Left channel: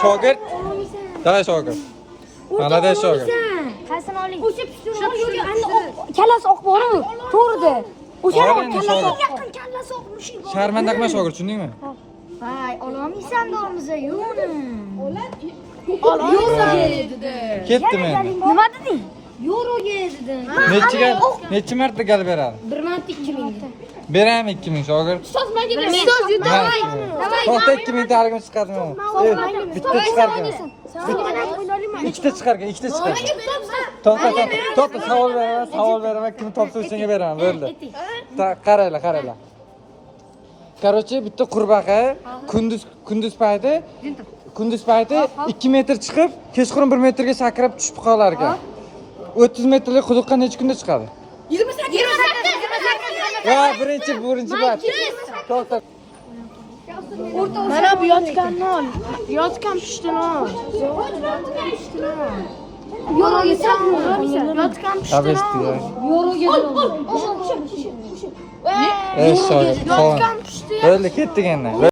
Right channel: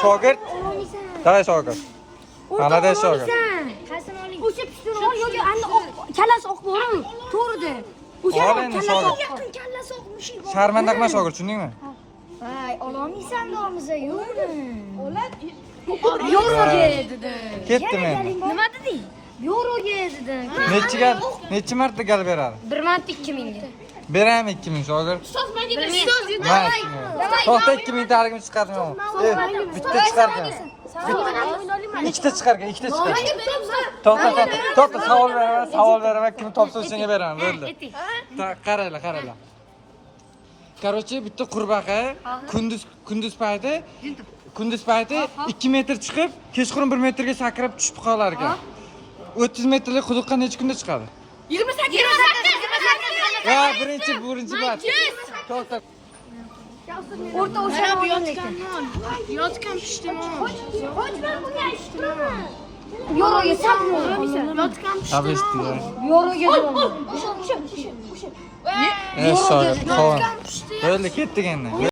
Shogird. Davay shogird. Молодец shogird. Qaysin oling? O'sha pishtirib yo'q, endi kallasi oq bor-ku. To'g'ri-da. O'sha kallasi oq. Yaqin kallasi oq mushuk. Sharmanda qilma shogird, tushundingmi? Hay, olamsan domiza, yo'qmi? Yo'roga edi-da. Ketdim endi. Nima deding? Yo'roga edi-da. Necha marta gal beradi? 1 marta 2000 ga. Beraymi 2000 shogird? Ustoz menga To'xta 2000 taligini chiqardim. Bitta chiqargan. Ikkita chiqargan, ikkita chiqargan. To'xta, savol beraman, kim topsa o'shanga beraman, bo'ldi. Qaranglar. Короче, bitta qurbaqa kunduz payti 2 metr chiqib, kechqurun 1 metrga sakrab tushib qolar ekan. 30 metrlik quduqqa necha kunda chiqadi? 28. Ya, birinchi bat. To'xta. Mana bu yotganni ol. Yotgan pishdini ol. Yo'roga yotgan pishdini. Tabesti ya. Yo'roga ol. Shogird, qovun. Bo'ldi, ketdik endi.